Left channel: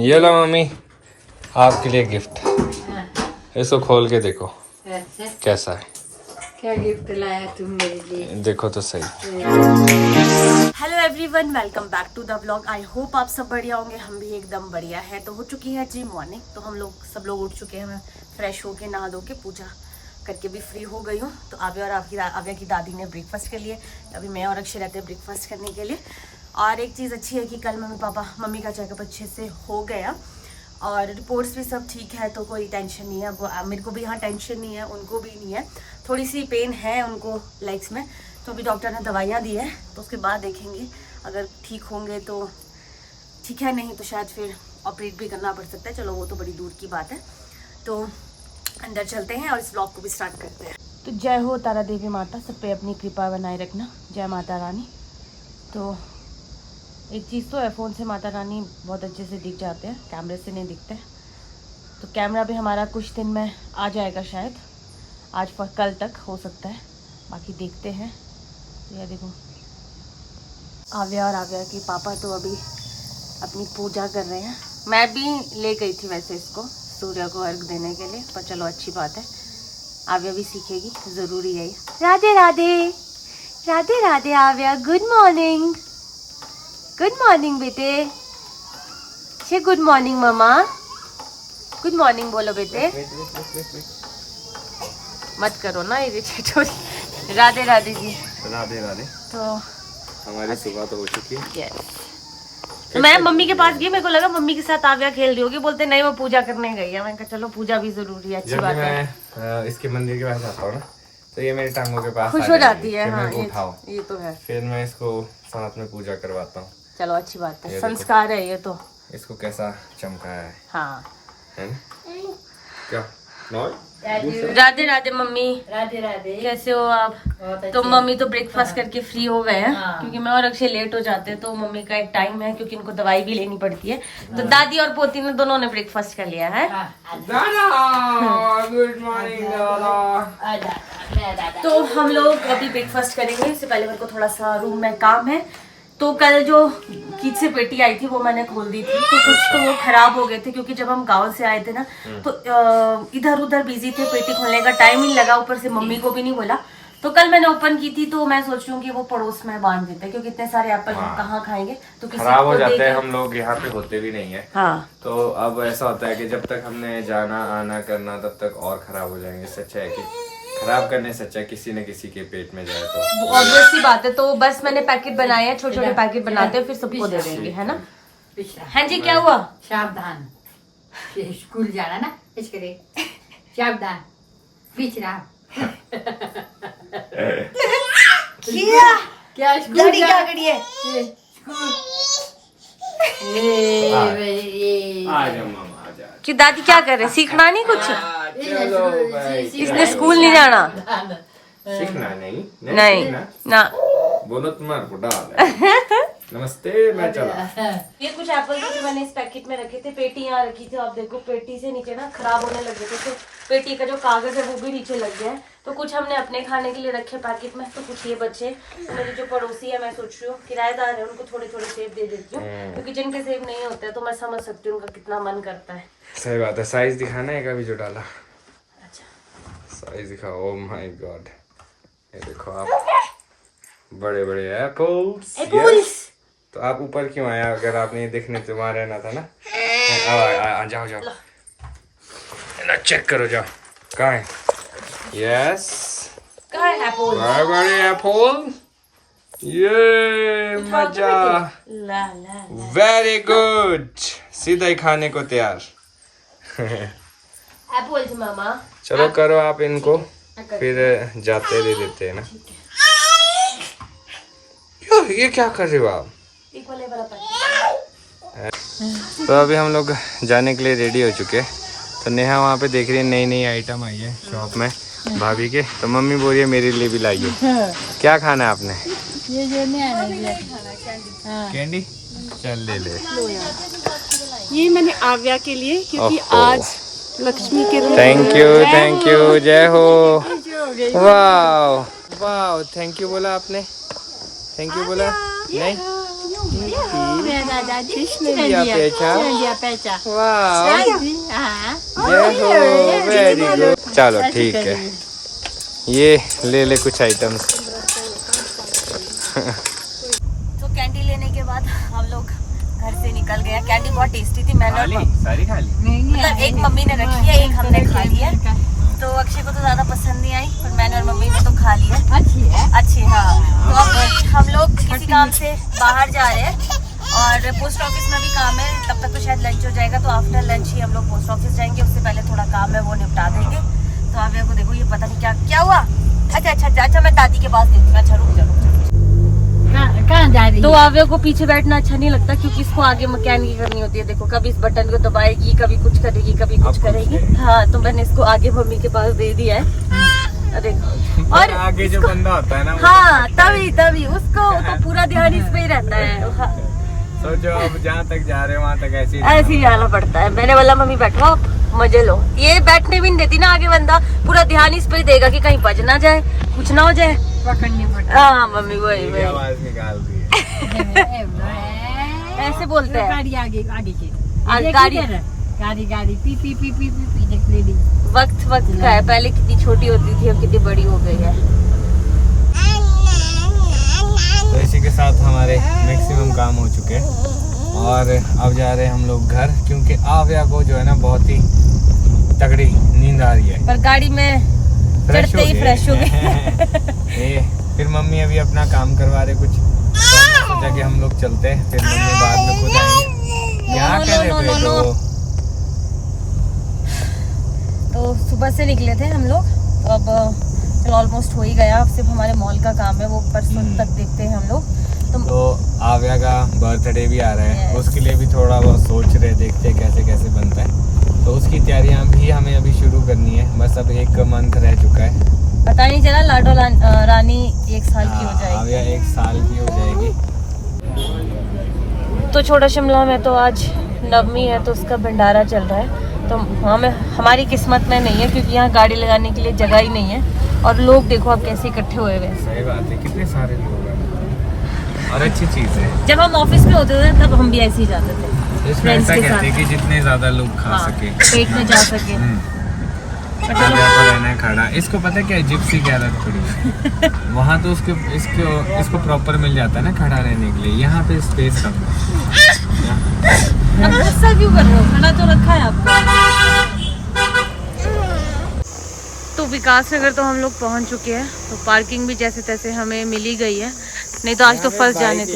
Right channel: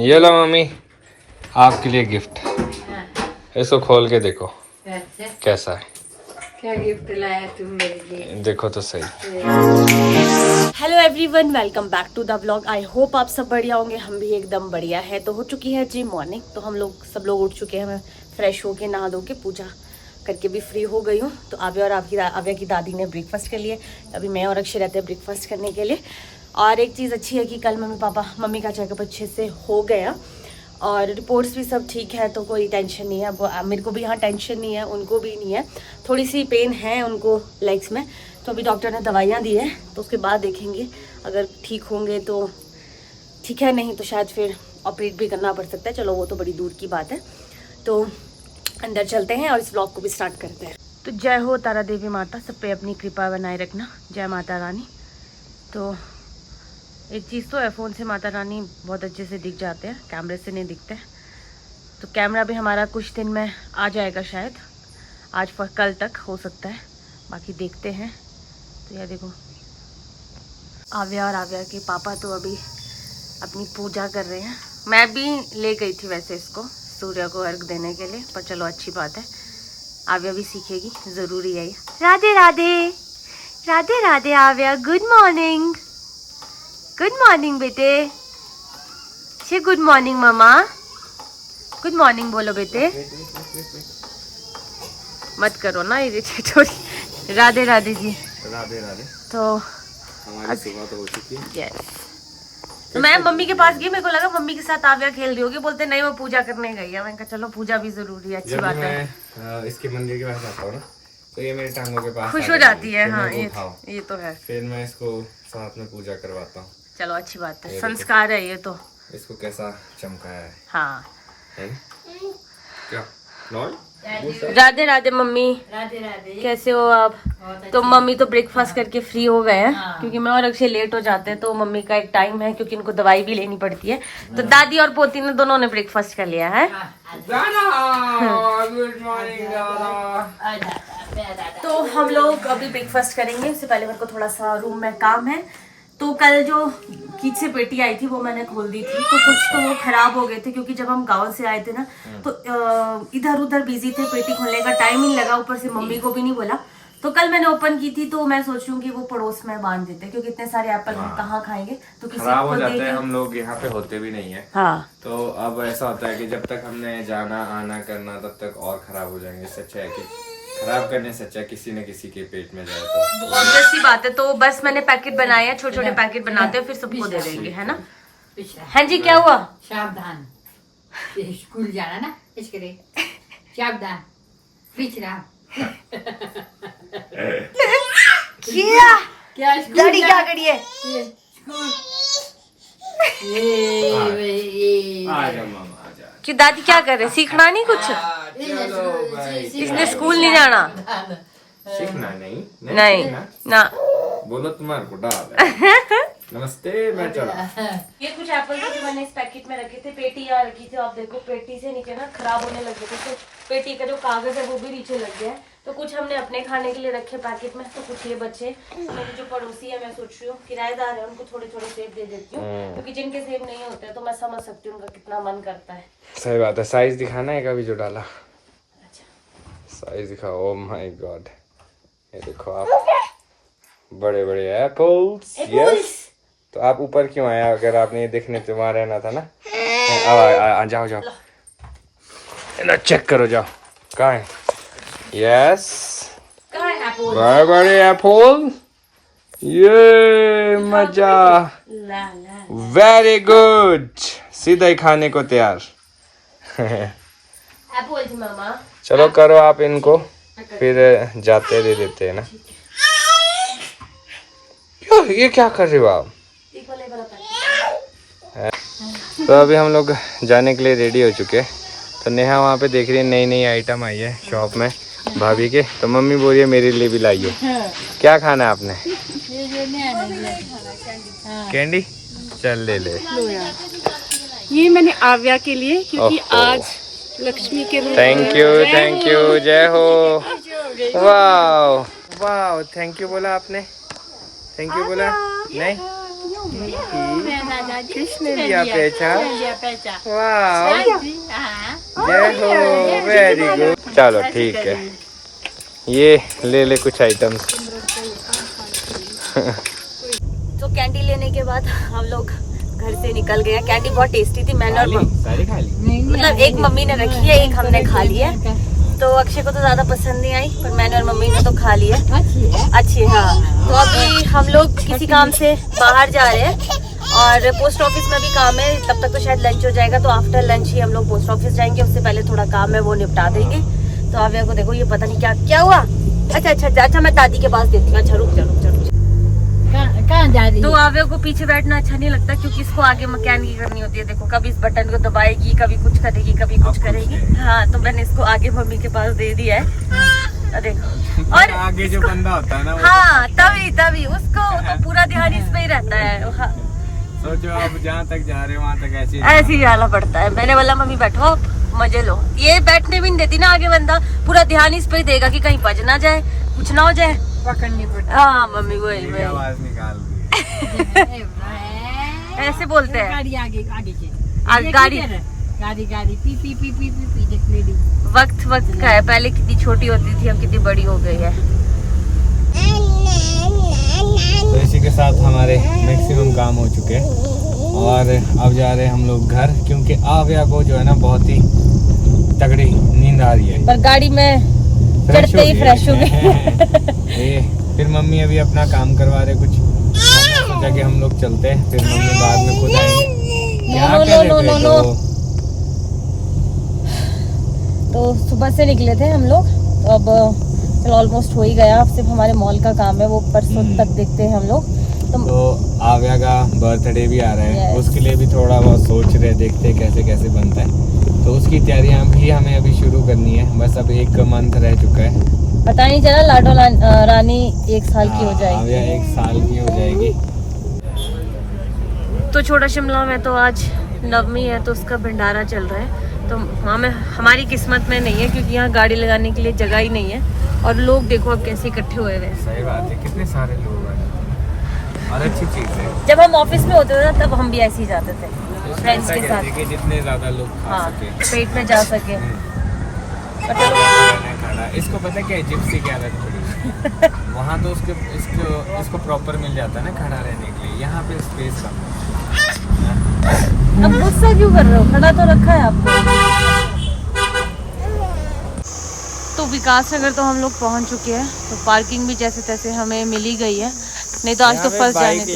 ये लो मम्मी, आपके लिए गिफ्ट। इसको खोल के देखो कैसा है। क्या गिफ्ट लाया तुम मेरे लिए? देखो तो सही। Hello everyone, welcome back to the vlog. I hope आप सब बढ़िया होंगे, हम भी एकदम बढ़िया है। तो हो चुकी है जी मॉर्निंग, तो हम लोग सब लोग उठ चुके हैं। मैं फ्रेश होके नहा धो के पूजा करके भी फ्री हो गई हूँ। तो आव्या की दादी ने ब्रेकफास्ट कर लिए। अभी मैं और अक्षय रहते हैं ब्रेकफास्ट करने के लिए। और एक चीज़ अच्छी है कि कल मम्मी का चेकअप अच्छे से हो गया और रिपोर्ट्स भी सब ठीक है, तो कोई टेंशन नहीं है। अब मेरे को भी यहाँ टेंशन नहीं है, उनको भी नहीं है। थोड़ी सी पेन है उनको लेग्स में, तो अभी डॉक्टर ने दवाइयाँ दी है, तो उसके बाद देखेंगे। अगर ठीक होंगे तो ठीक है, नहीं तो शायद फिर ऑपरेट भी करना पड़ सकता है। चलो वो तो बड़ी दूर की बात है। तो अंदर चलते हैं और इस ब्लॉग को भी स्टार्ट करते हैं। तो जय हो तारा देवी माता, सब पे अपनी कृपा बनाए रखना। जय माता रानी। तो एक चीज़ तो है, फ़ोन से माता रानी बहुत अच्छे से दिख जाते हैं, कैमरे से नहीं दिखते। तो कैमरा भी हमारा कुछ दिन में आ जाएगा, शायद आज कल तक हो सकता है, बाकी देखते हैं। तो यह देखो आव्या और आव्या के पापा तो अभी अपनी पूजा कर रहे हैं। मैं भी ले गई थी वैसे इसको सूर्य को अर्घ देने के लिए, पर चलो अच्छी बात है, आव्या भी सीखेगी, ज़रूरी है ये। राधे राधे, राधे राधे आव्या, गुड मॉर्निंग। गुड मॉर्निंग बेटे, से गुड मॉर्निंग मम्मा। गुड मॉर्निंग बोलो बेटे, मत करो ना इरिटेट हो। राधे राधे जी। राधे राधे। तो हमारी सुबह तो हो चुकी है। यस, तो मैं मम्मी के पास गई, मेरे को लगा मम्मी के साथ आव्या खेल रही होगी। बोलते नहीं वो पूजा करने गई है। मैंने कहा चलो पूजा भी जरूरी है, अच्छी बात है। मैं इसके मंदिर के पास आता हूँ ना, तो ये मेरी टांगों के पास खुश हो जाती है। हाँ ये तो है। फिर मैं इसको साथ में पूजा करवाता हूँ। चलो अच्छी बात है, संस्कार है ये तो। इसको कैसा चमकाया है, हाँ है ना? क्या राधे राधे मम्मी। राधे राधे, कैसे हो आप? तो मम्मी तो ब्रेकफास्ट करके फ्री हो गए हैं, क्योंकि मैं और अक्षय लेट हो जाते हैं। तो मम्मी का एक टाइम है, क्योंकि इनको दवाई भी लेनी पड़ती है। तो दादी और पोती ने दोनों ने ब्रेकफास्ट कर लिया है। Good morning. तो हम लोग अभी ब्रेकफास्ट करेंगे। इससे पहले मेरे को थोड़ा सा रूम में काम है। तो कल जो कीच से पेटी आई थी वो मैंने खोल दी थी, तो कुछ तो वो खराब हो गए थे, क्योंकि जब हम गांव से आए थे ना, तो इधर उधर बिजी थे, पेटी खोलने का टाइम ही लगा, ऊपर से मम्मी को भी नहीं बोला। तो कल मैंने ओपन की थी, तो मैं सोच रही हूँ कि वो पड़ोस में बांध देते, क्योंकि इतने सारे एप्पल हम कहाँ खाएंगे। तो किसी खराब हो को जाते दे हैं, हम लोग यहाँ पे होते भी नहीं है। हाँ, तो अब ऐसा होता है कि जब तक हमने जाना आना करना, तब तक और खराब हो जाएंगे। इससे अच्छा है कि खराब करने से अच्छा किसी न किसी के पेट में जाए। तो ऑब्वियस सी बात है। तो बस मैंने पैकेट बनाए हैं, छोटे छोटे पैकेट बनाते हैं, फिर सबको दे देंगे, है ना? हाँ जी, क्या हुआ? सावधान, स्कूल जाना ना, इसके सावधान, पिछड़ा। क्या गाड़ी क्या करी है? क्यों दादी क्या कर रहे? सीखना नहीं कुछ? इसने स्कूल नहीं जाना? सीखना नहीं ना। बोलो तुम्हारे को डाल। नमस्ते, मैं चला। ये कुछ एप्पल थे जो मैंने इस पैकेट में रखे थे। पेटी यहाँ रखी थी, आप देखो पेटी से नीचे ना खराब होने लग गए थे, तो पेटी का जो कागज है वो भी नीचे लग गया है। तो कुछ हमने अपने खाने के लिए रखे पैकेट में, तो कुछ ये बच्चे। मेरे जो पड़ोसी है, मैं सोच रही हूँ किराएदार है, उनको थोड़े थोड़े सेब दे देती हूँ, क्योंकि जिनके सेब नहीं होते तो मैं समझ सकती हूँ उनका कितना मन करता है। सही बात है। साइज दिखाना है कभी जो डाला। साइज दिखाओ। ओह माय गॉड, ये देखो आप, बड़े बड़े एप्पल्स। यस। तो आप ऊपर क्यों आया? अगर आपने ये देखने तो वहां रहना था ना। आ जाओ जाओ, चेक करो, जाओ। कहाँ है? यस, बड़े बड़े एप्पल। ये मजा। वेरी गुड, सीधा ही खाने को तैयार। एप्पल्स मामा। चलो करो आप इनको, फिर जाते दे देते हैं ना। ये क्या कर रहे हो आप? तो अभी हम लोग जाने के लिए रेडी हो चुके हैं। तो नेहा वहाँ पे देख रही है, नई नई आइटम आई है शॉप में भाभी के। तो मम्मी बोल रही है मेरे लिए भी लाइयो। क्या खाना है आपने? कैंडी। चल ले ले। ये मैंने आव्या के लिए, क्योंकि आज लक्ष्मी के रूम। थैंक यू, जय हो। वाह वाह, थैंक यू बोला आपने? थैंक यू बोला नहीं? किसने लिया पेचा? लिया पैसा वाह, हाँ जय हो, वेरी गुड। चलो ठीक है, ये ले ले कुछ आइटम्स। तो कैंडी लेने के बाद हम लोग घर से निकल गए। कैंडी बहुत टेस्टी थी। मैंने और सारी खा ली। मतलब एक मम्मी ने रखी है, एक हमने खा लिया। तो अक्षय को तो ज्यादा पसंद नहीं आई, पर मैंने और मम्मी ने तो खा लिया। अच्छी है। अच्छी, हाँ। तो अभी हम लोग किसी काम से बाहर जा रहे हैं और पोस्ट ऑफिस में भी काम है। तब तक तो शायद लंच हो जाएगा, तो आफ्टर लंच ही हम लोग पोस्ट ऑफिस जाएंगे। उससे पहले थोड़ा काम है, वो निपटा देंगे। तो आव्या को देखो, ये पता नहीं क्या क्या हुआ। अच्छा, मैं दादी के पास देती हूँ। अच्छा रुक जा। कहाँ जा रही तो है? आव्या को पीछे बैठना अच्छा नहीं लगता, क्योंकि इसको आगे मैकेनिकी करनी होती है। देखो, कभी इस बटन को दबाएगी, कभी कुछ करेगी, कभी कुछ करेगी। हाँ, तो मैंने इसको आगे मम्मी के पास दे दिया है। देखो, और आगे जो बंदा होता है ना, हाँ, तभी उसको तो पूरा ध्यान इस पे ही रहता है। हाँ, सोचो अब जहाँ तक जा रहे हो वहाँ तक ऐसे ऐसे ही जाना पड़ता है। मैंने बोला मम्मी बैठो, आप मजे लो। ये बैठने भी नहीं देती ना आगे बंदा, पूरा ध्यान इस पे ही देगा कि कहीं बज ना जाए, कुछ ना हो जाए। पकड़नी पड़ती हाँ मम्मी, वही आवाज निकाल दी। है। ऐसे बोलते हैं। गाड़ी आगे चली। गाड़ी गाड़ी P P P P P P देख लेडी। वक्त का है। पहले कितनी छोटी होती थी, अब कितनी बड़ी हो गई है। तो इसी के साथ हमारे मैक्सिमम काम हो चुके हैं और अब जा रहे हैं हम लोग घर, क्योंकि आव्या को जो है ना बहुत ही तगड़ी नींद आ रही है। पर गाड़ी में चढ़ते ही फ्रेश हो गए। फिर मम्मी अभी अपना काम करवा रहे कुछ, तो सोचा कि हम लोग चलते हैं, फिर मम्मी बाद में खुद आएंगे। क्या कह रहे थे? तो सुबह से निकले थे हम लोग, तो अब ऑलमोस्ट हो ही गया। अब सिर्फ हमारे मॉल का काम है, वो परसों तक देखते हैं हम लोग। तो आव्या का बर्थडे भी आ रहा है, Yes. उसके लिए भी थोड़ा बहुत सोच रहे, देखते हैं कैसे कैसे बनता है। तो उसकी तैयारियां भी हमें अभी शुरू करनी है। बस अब 1 मंथ रह चुका है। पता नहीं चला लाडो रानी 1 साल की हो आव्या जाएगी। 1 साल की हो जाएगी। तो छोटा शिमला में तो आज नवमी है, तो उसका भंडारा चल रहा है। तो हमारी किस्मत में नहीं है, क्योंकि यहाँ गाड़ी लगाने के लिए जगह ही नहीं है। और लोग देखो अब कैसे इकट्ठे हुए हैं। सही बात है, कितने सारे लोग हैं और अच्छी चीज है। जब हम ऑफिस में होते थे तब हम भी ऐसे ही जाते थे, इसमें फ्रेंड्स ऐसा के कहते हैं साथ। कि जितने ज्यादा लोग खा हाँ, सके, पेट में जा सके। पर चलो, आव्या को रहना है खड़ा। इसको पता है क्या है, जिप्सी की आदत पड़ी है। वहाँ तो इसको प्रॉपर मिल जाता है ना खड़ा रहने के लिए, यहाँ पे स्पेस कम है। अब गुस्सा क्यों कर रहे हो? खड़ा तो रखा है आपको। तो विकास नगर तो हम लोग पहुंच चुके हैं। तो पार्किंग भी जैसे तैसे हमें मिल ही गई है, नहीं तो आज तो फंस जाने थे।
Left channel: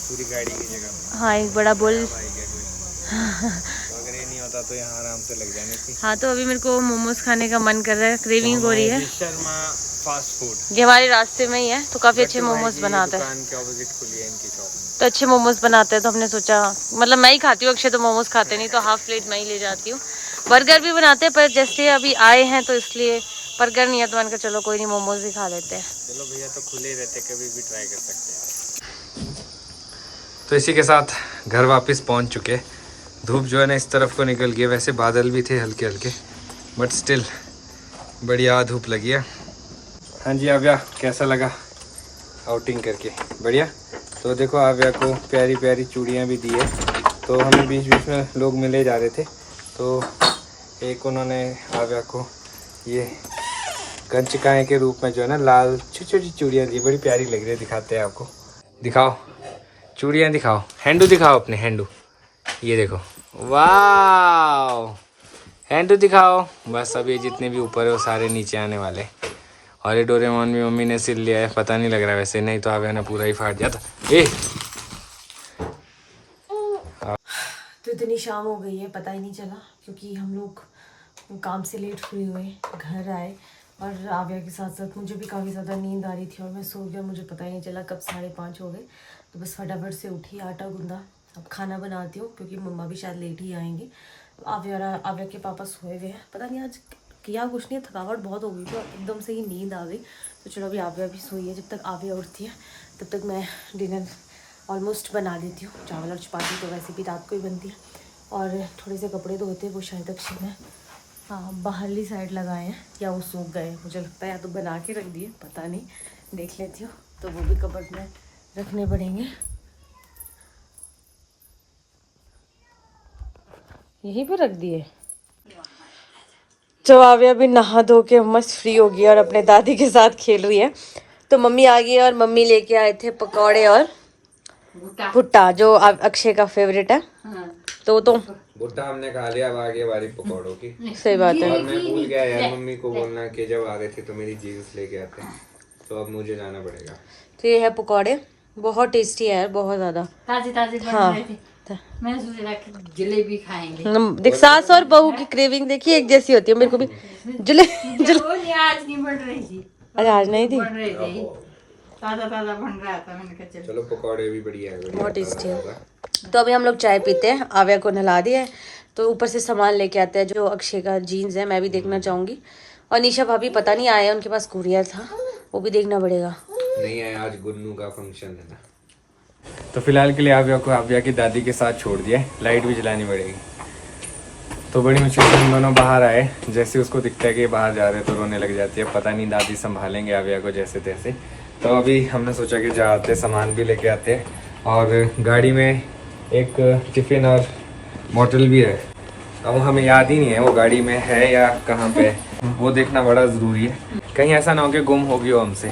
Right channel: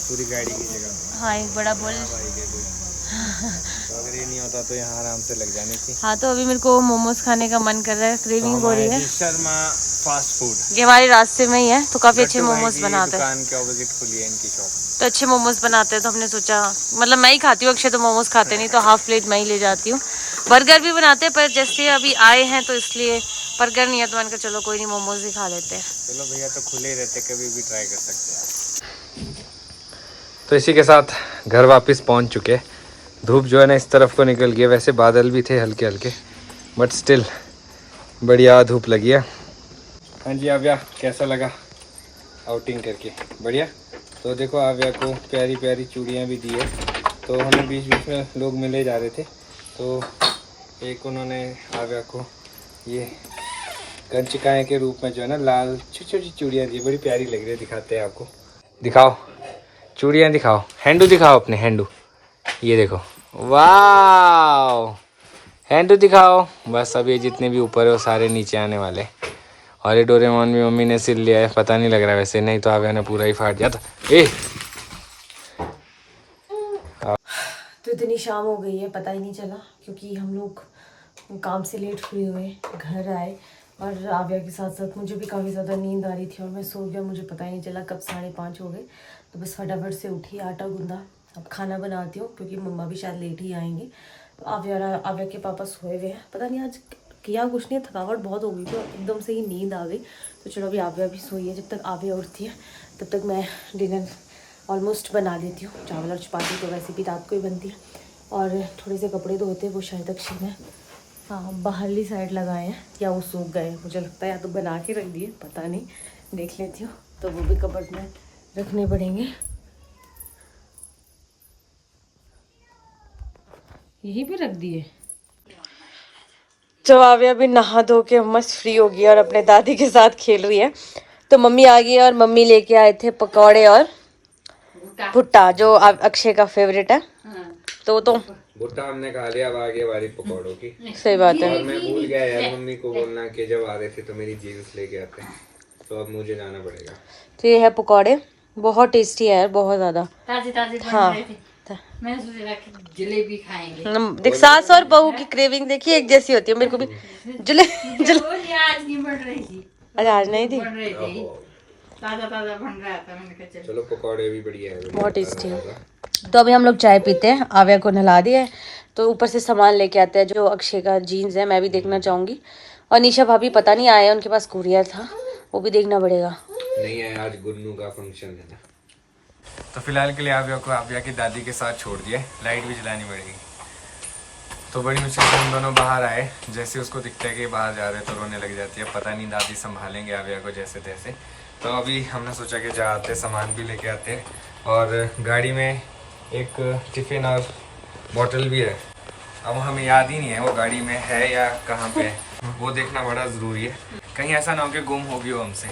पूरी गाड़ी की जगह। हाँ, एक बड़ा बुल। अगर ये नहीं होता तो यहाँ आराम से लग जानी थी। हाँ, तो अभी मेरे को मोमोज खाने का मन कर रहा है, क्रेविंग हो रही है। शर्मा फास्ट फूड, ये हमारे रास्ते में ही है, तो काफी अच्छे मोमोज बनाते हैं। दुकान के ऑपोजिट खुली है इनकी शॉप। तो अच्छे मोमोज बनाते हैं, तो हमने सोचा, मतलब मैं ही खाती हूँ, अक्षय तो मोमोज खाते नहीं, तो हाफ प्लेट मैं ही ले जाती हूँ। बर्गर भी बनाते हैं, पर जैसे अभी आए हैं तो इसलिए बर्गर नहीं है, तो मैंने कहा चलो कोई नहीं, मोमोज ही खा लेते हैं। चलो भैया, तो खुले रहते, कभी भी ट्राई कर सकते हैं। तो इसी के साथ घर वापस पहुंच चुके। धूप जो है ना इस तरफ को निकल गया, वैसे बादल भी थे हल्के हल्के, बट स्टिल बढ़िया धूप लगी है। हाँ जी आव्या, कैसा लगा आउटिंग करके? बढ़िया। तो देखो आव्या को प्यारी प्यारी चूड़ियाँ भी दी है। तो हमें बीच बीच में लोग मिले जा रहे थे, तो एक उन्होंने आव्या को ये कंचकाएँ के रूप में जो है ना लाल छोटी छोटी चूड़ियाँ दी, बड़ी प्यारी लग रही है। दिखाते हैं आपको, दिखाओ चूड़ियाँ, दिखाओ हैंडू, दिखाओ अपने हैंडू। ये देखो, वाह, हैंडू दिखाओ। बस अब ये जितने भी ऊपर है वो सारे नीचे आने वाले। और ये डोरेमोन भी मम्मी ने सिल लिया है, पता नहीं लग रहा वैसे, नहीं तो आव्या ने पूरा ही फाड़ दिया था। तो इतनी शाम हो गई है, पता ही नहीं चला, क्योंकि हम लोग काम से लेट हुए घर आए। और आव्या के साथ साथ मुझे भी काफ़ी ज़्यादा नींद आ रही थी और मैं सो गया, मुझे पता ही नहीं चला कब 5:30 हो गए। तो बस फटाफट से उठी, आटा गूंदा, अब खाना बनाती हूँ, क्योंकि मम्मा भी शायद लेट ही आएंगे। तो आव्या के पापा सोए हुए हैं, पता नहीं आज किया कुछ नहीं, थकावट बहुत हो गई थी और एकदम से ही नींद आ गई। तो चलो अभी आव्या भी सोई है, जब तक आव्या उठती है तब तक मैं डिनर ऑलमोस्ट बना देती हूँ। चावल और चपाती तो वैसे भी रात को ही बनती है, और थोड़े से कपड़े धोते, वो शायद अक्षय ने बाहरली साइड लगाए हैं या वो सूख गए, मुझे लगता है, या तो बना के रख दिए, पता नहीं, देख लेती हूँ। तो वो भी कबर्ड में रखने पड़ेंगे। यहीं पे रख दिए। तो आव्या भी नहा धो के मस्त फ्री हो गई और अपने दादी के साथ खेल रही है। तो मम्मी आ गई और मम्मी लेके आए थे पकौड़े और भुट्टा, जो अक्षय का फेवरेट है। तो भुट्टा हमने खा लिया, अब आगे बारी पकौड़ों की। सही बात है। और मैं भूल गया यार मम्मी को बोलना कि जब आ रहे थे तो मेरी जीन्स लेके आते, तो अब मुझे जाना पड़ेगा। तो ये है पकौड़े, बहुत टेस्टी है यार, बहुत ज्यादा। ताजी ताजी हाँ। मैंने सोचा कि जलेबी खाएंगे। देख सास और बहू की क्रेविंग देखिए एक जैसी होती है। मेरे को भी ये आज नहीं बन रही थी, अरे आज नहीं थी। बन रही थी, ताजा ताजा बन रहा था। मैंने कहा चलो पकौड़े भी बढ़िया है, बहुत टेस्टी है। तो अभी हम लोग चाय पीते हैं, आव्या को नहला दिया है, तो ऊपर से सामान लेके आते हैं जो अक्षय का जीन्स है, मैं भी देखना चाहूंगी। और निशा भाभी पता नहीं आए, उनके पास कुरियर था, वो भी देखना पड़ेगा। नहीं है, आज गुन्नू का फंक्शन है ना। तो फिलहाल के लिए आव्या को आव्या की दादी के साथ छोड़ दिया है, लाइट भी जलानी पड़ेगी। तो बड़ी मुश्किल से हम दोनों बाहर आए, जैसे उसको दिखता है कि बाहर जा रहे तो रोने लग जाती है। पता नहीं दादी संभालेंगे आव्या को जैसे तैसे। तो अभी हमने सोचा कि जाते सामान भी लेके आते हैं, और गाड़ी में एक टिफ़िन और बॉटल भी है। अब हमें याद ही नहीं है वो गाड़ी में है या कहाँ पे है, वो देखना बड़ा ज़रूरी है, कहीं ऐसा ना हो कि गुम हो गई हो हमसे।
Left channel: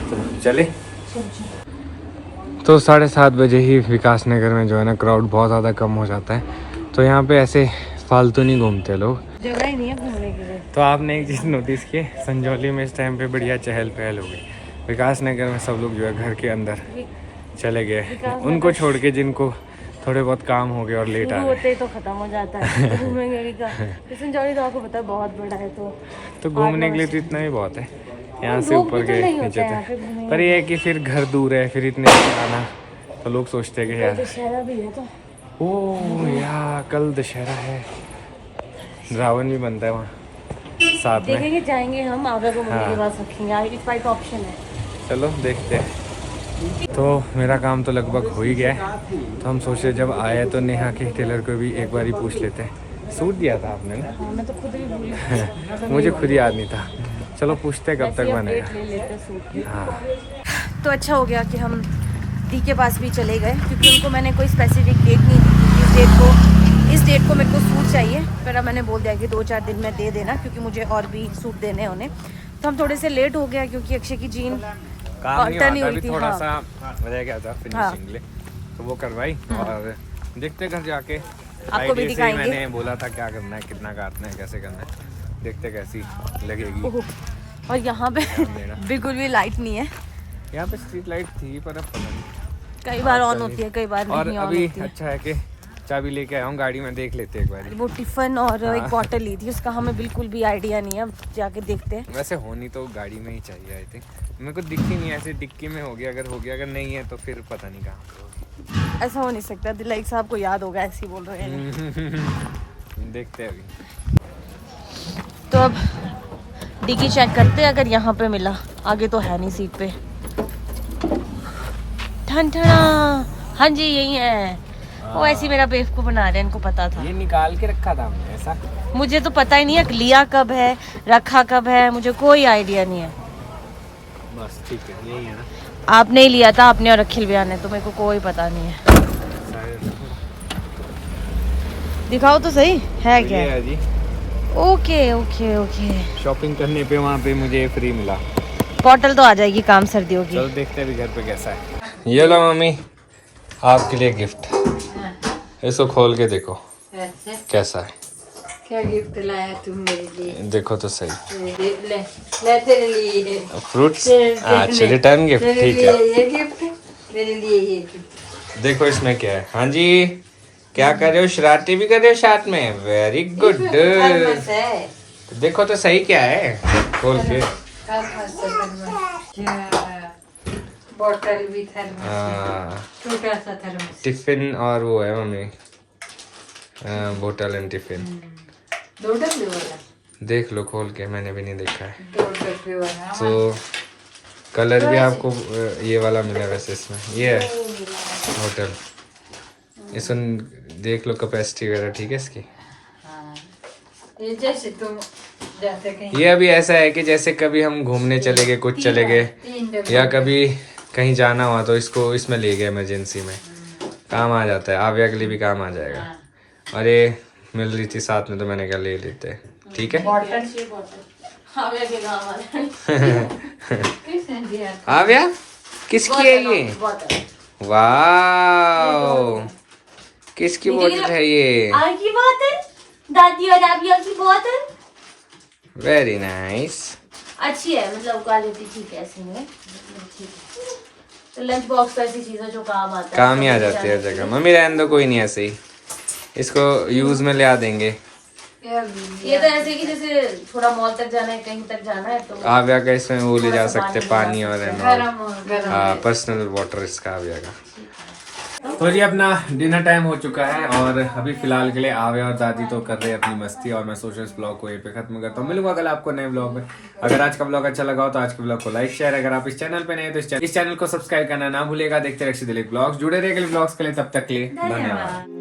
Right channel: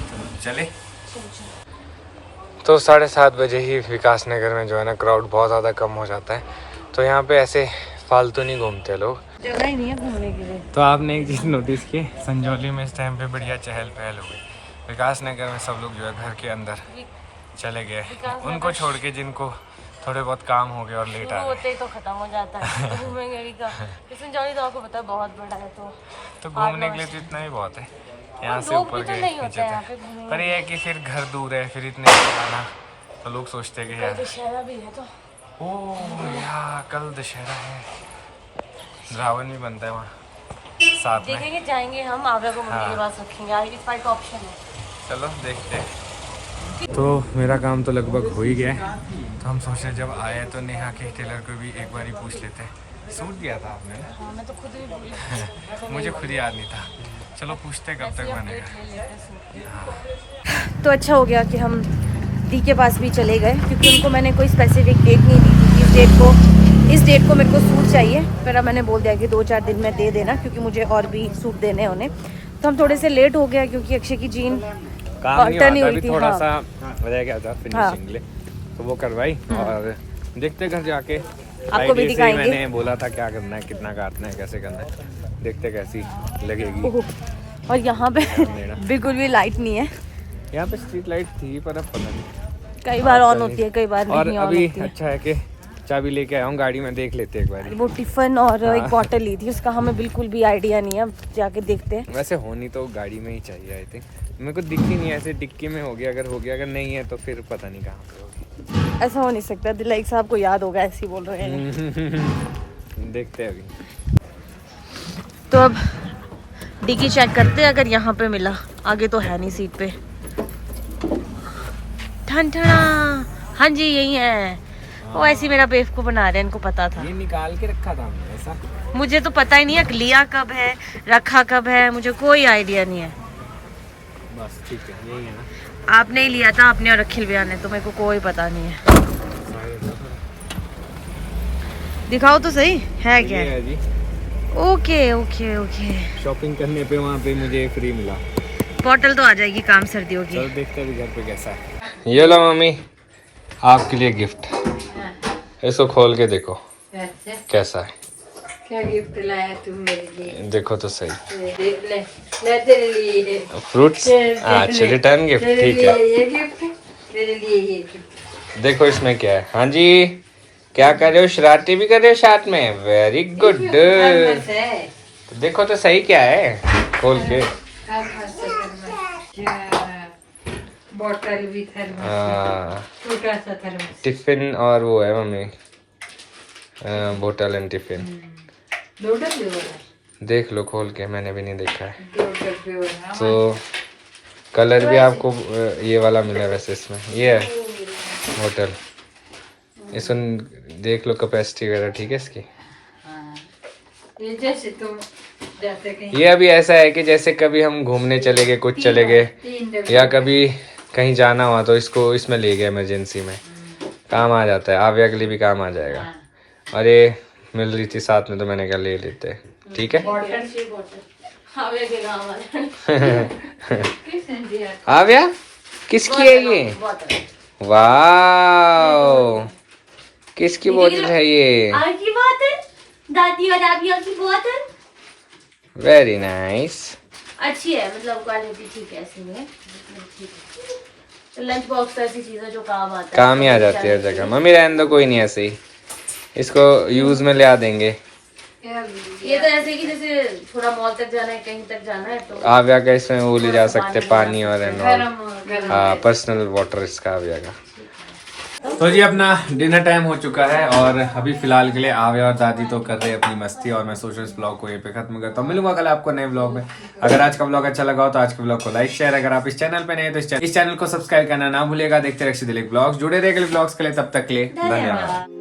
तो चले। तो 7:30 बजे ही विकास नगर में जो है ना क्राउड बहुत ज़्यादा कम हो जाता है, तो यहाँ पे ऐसे फालतू नहीं घूमते लोग, जगह ही नहीं है घूमने के लिए। तो आपने एक चीज़ नोटिस की, संजौली में इस टाइम पे बढ़िया चहल पहल हो गई। विकास नगर में सब लोग जो है घर के अंदर चले गए, उनको छोड़ के जिनको थोड़े बहुत काम हो गए और लेट आ होते ही तो खत्म हो जाता है घूमेंगे का। संजौली तो आपको पता है बहुत बड़ा है, तो घूमने के लिए तो इतना ही बहुत है, यहाँ से ऊपर गए नीचे तक। पर ये है कि फिर घर दूर है, फिर इतने आना, तो लोग सोचते हैं कि यार दशहरा भी है तो। ओह यार कल दशहरा है, रावण भी बनता है वहाँ साथ में। देखेंगे, जाएंगे हम, आव्या को मम्मी के पास रखेंगे, इस बाइक का ऑप्शन है। चलो देखते हैं। तो मेरा काम तो लगभग हो ही गया है, तो हम सोचे जब आए तो नेहा के टेलर को भी एक बार ही पूछ लेते हैं। सूट दिया था आपने ना? हाँ, मैं तो खुद भी भूल मुझे खुद याद नहीं था। चलो पूछते हैं कब तक बनेगा। हाँ। तो अच्छा हो गया कि हम दी के पास भी चले गए, क्योंकि उनको मैंने कोई स्पेसिफिक डेट नहीं दी थी, इस डेट को मेरे को सूट चाहिए। फिर मैंने बोल दिया कि 2-4 दिन में दे देना, क्योंकि मुझे और भी सूट देने हैं उन्हें। तो हम थोड़े से लेट हो गया, क्योंकि अक्षय की जीन काम नहीं हुआ था, थोड़ा हाँ। सा रह गया था फिनिशिंग लिए, तो वो करवाई। और देखते घर जाके आपको भी दिखाएंगे। मैंने बोला था क्या करना है, कितना काटना है, कैसे करना है, देखते कैसी लगेगी। और यहाँ पे बिल्कुल भी लाइट नहीं है, यहाँ पे स्ट्रीट लाइट थी पर अब पता नहीं, कई बार ऑन होती है, कई बार और नहीं ऑन अभी होती है। अच्छा है कि चाबी लेके आया हूँ गाड़ी में, देख लेते एक बार। वो टिफिन और एक बॉटल ली थी, उसका हमें बिल्कुल भी आइडिया नहीं है, अब जाके देखते हैं। वैसे होनी तो गाड़ी में ही चाहिए आई थिंक, मेरे को दिखी नहीं, ऐसे डिक्की में हो गया, अगर हो गया, अगर नहीं है तो फिर पता नहीं कहाँ पे होगी। ऐसा हो नहीं सकता, दिलाइक साहब को याद होगा, ऐसे ही बोल रहे हैं। देखते हैं अभी। तो अब डिक्की चेक करते हैं, अगर यहाँ पे मिला, आगे तो है नहीं सीट पे। ठन ठना, हाँ जी यही है। वो ऐसी मेरा बेवकूफ बना रहे हैं, इनको पता था। ये निकाल के रखा था हमने ऐसा, मुझे तो पता ही नहीं है लिया कब है, रखा कब है, मुझे कोई आइडिया नहीं है। बस ठीक है, यही है ना। आपने ही लिया था, आपने और अखिल भैया ने, तो मेरे को कोई पता नहीं है। दिखाओ तो सही है क्या? ये है जी। Okay okay okay. शॉपिंग करने पे वहाँ पे मुझे फ्री मिला। बॉटल तो आ जाएगी काम सर्दियों की। चलो देखते हैं अभी घर पे कैसा है। ये लो मम्मी, आपके लिए गिफ्ट, इसको खोल के देखो कैसा है। क्या गिफ्ट लाया तुम मेरे लिए? देखो तो सही, ले तेरे लिए फ्रूट्स। अच्छा रिटर्न गिफ्ट, ठीक है। ये गिफ्ट तेरे लिए, ये गिफ्ट देखो इसमें क्या है। हाँ जी, क्या कर रहे हो, शरारती भी कर रहे हो साथ में, वेरी गुड। तो देखो तो सही क्या है, खोल के। बॉटल भी, थर्मस, छोटा सा थर्मस, टिफिन और वो है मम्मी, बोतल एंड टिफिन। 2 डब्बे वाला देख लो खोल के, मैंने भी नहीं देखा है। 2 डब्बे वाला। तो कलर भी आपको ये वाला मिला वैसे इसमें, ये है बोतल। इसमें देख लो कैपेसिटी वगैरह, ठीक है इसकी। ये जैसे तुम जाते कहीं, ये अभी ऐसा है कि जैसे कभी हम घूमने चले गए, कुछ चले गए, 3 डब्बे, या कभी कहीं जाना हुआ तो इसको इसमें ले गए, इमरजेंसी में काम आ जाता है। आव्या के लिए भी काम आ जाएगा। और ये मिल रही थी साथ में तो मैंने कहा ले लेते हैं, ठीक है। आव्या के गाँव वाले किसने दिया? आव्या किसकी है ये? वाओ, किसकी बोतल है ये? की बात है, दादी और आव्या की बोतल वेरी नाइस। अच्छी है, मतलब क्वालिटी ठीक है, ऐसी में ठीक है। तो लंच बॉक्स तो ऐसी चीजें जो काम आता है, काम ही आ जाती है हर जगह। मम्मी रहने दो, कोई नहीं, ऐसे ही इसको यूज में ले आ देंगे। ये तो ऐसे कि जैसे थोड़ा मॉल तक जाना है, कहीं तक जाना है तो आव्या का इसमें वो ले जा सकते हैं, पानी और गरम हाँ पर्सनल वाटर इसका आव्या का। तो जी अपना डिनर टाइम हो चुका है और अभी फिलहाल के लिए आव्या और दादी तो कर रहे हैं अपनी मस्ती और मैं सोच रहा हूँ इस ब्लॉग को यहीं पे खत्म करता हूँ। मिलूंगा कल आपको नए ब्लॉग में। अगर आज का ब्लॉग अच्छा लगा हो तो आज के ब्लॉग को लाइक शेयर, अगर आप इस चैनल पे नए हैं तो इस चैनल को सब्सक्राइब करना ना भूलिएगा। देखते रहिए दिलीप ब्लॉग्स, जुड़े रहिए अगले ब्लॉग्स के लिए, तब तक के लिए धन्यवाद।